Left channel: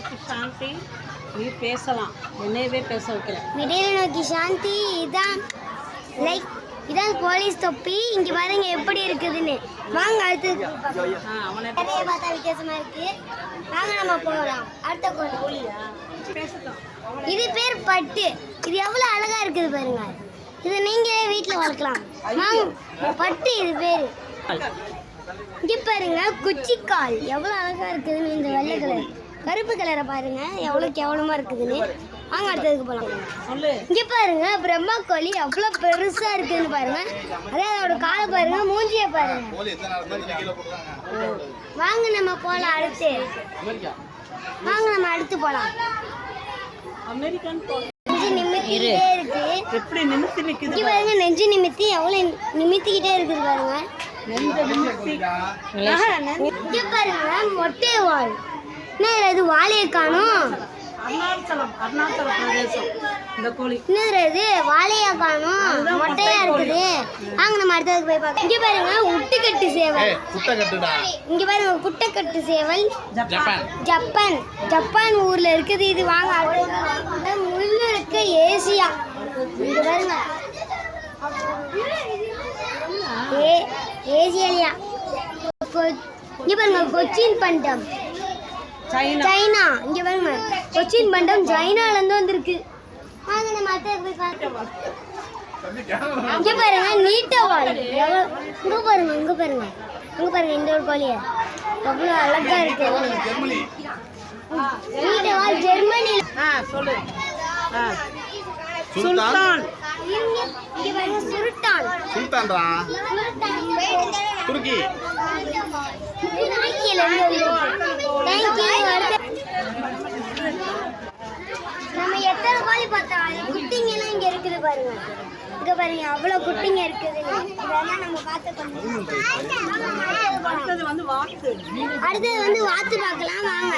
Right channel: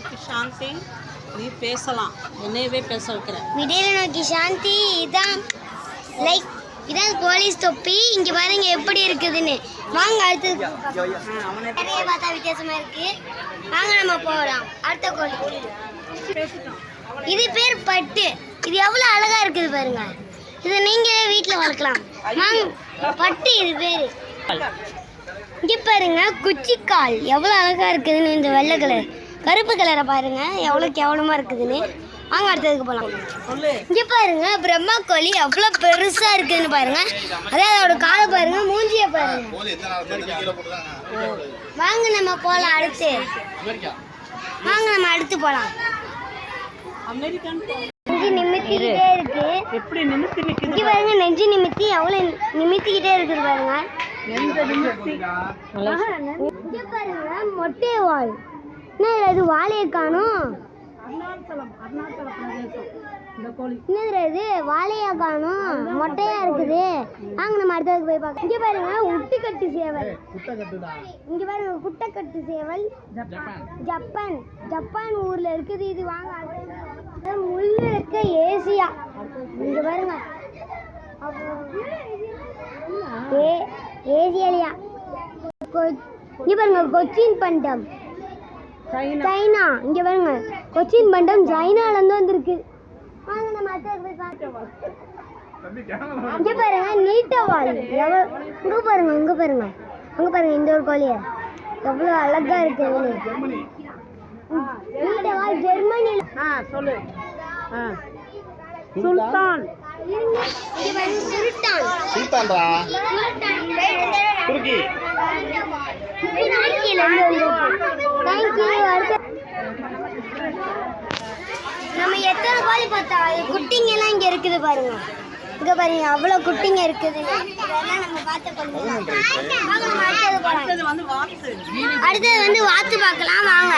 நோக்கி சாந்தி, நீ பேசலாம், என்னையவே பேச வைக்கிற. விடியலை நோக்கி சாந்தி, இதான் லைக் இதான் போலீஸ் தொப்பி. இங்க பாருங்க எப்படி இருக்குதுன்னு. வாங்க அடுத்து நிறைய பார்த்தா வித்தியாசமா இருக்கு. வாங்க நம்ம போகலாம் அடுத்த கோழி. இது பேர் பட்டு. இது எவ்வளவு அழகா இருக்குது பாருங்க. இதை நீங்களே வீட்டில் வளர்க்கலாம். வாங்க பட்டு இது பேரு. இங்க பாருங்க குச்சிக்கால் எவ்வளவு அழகா இருக்குதுன்னு. இந்த வெள்ளை கலர் கருப்பு கலரை பாருங்க எவ்வளவு கேவலமா இருக்குதுன்னு. வாங்க அடுத்ததுக்கு போகலாம். இங்க பாருங்க பிரம்மா கோழி எவ்வளவு பெருசா இருக்குதுன்னு பாருங்க. அதே அதோட காலை பாருங்க, மூஞ்சிய பாருங்க. வாங்க நம்ம போலாம் அடுத்து. வாங்க நம்ம அடுத்து போலாம். அமெரிக்கன் நிமித்திக்கிட்டே இருக்கு. எப்படி நிமித்தி நிக்குது இங்க பாருங்க நெஞ்சு நிமித்தி எவ்வளவு நிமித்திக்கிட்டே இருக்குது பாருங்க. நெஞ்ச நிமித்தி. இங்க பாருங்க மொட்டை வால். என்ன இது வாழையை காணும்? அருணாச்சல பிரதேசம் இந்த கோழி. என்னது இது வாழையா காணும்? மொட்டையா இருக்குது. வாங்க நம்ம அடுத்ததுக்கு போய் பார்க்கலாம். இங்க பாருங்க உட்டுக்கட்டு சேவல். இங்க பாருங்க குட்டைக்கட்டு சேவல். ஜப்பான் ஜப்பான் ஊர்ல இருக்குது இது. வாங்க முள்ளு இருக்க ஏசியா. இங்க பாருங்க ஏசியாலியா. இங்க பாருங்க கொச்சின் பண்டம் சைனா. இங்க பாருங்க கொச்சின் பண்டம் சைனால இருந்து வந்திருக்கு. வாங்க நம்ம அடுத்ததுக்கு போய் பார்க்கலாம். இங்க பாருங்க நீட்டவால். இங்க பாருங்க இங்க பாருங்க அங்க பாருங்க இந்த ஒரு கோழிய எவ்வளவு அழகா இருக்கு. நீட்டவால் ஜெர்மனில. சொல்லு. சுல்தான். சுல்தான் சுல்தான்டா துருக்கி. நம்ம எத்தனை கோழி பார்த்தா குட்டிங்க எல்லாம் இங்க இருக்குது பாருங்க. இங்க பாருங்க அவ்வளவு குட்டிங்க இருக்குது. நம்ம அடுத்தது வந்து வாத்து பார்க்கலாம். வாங்க.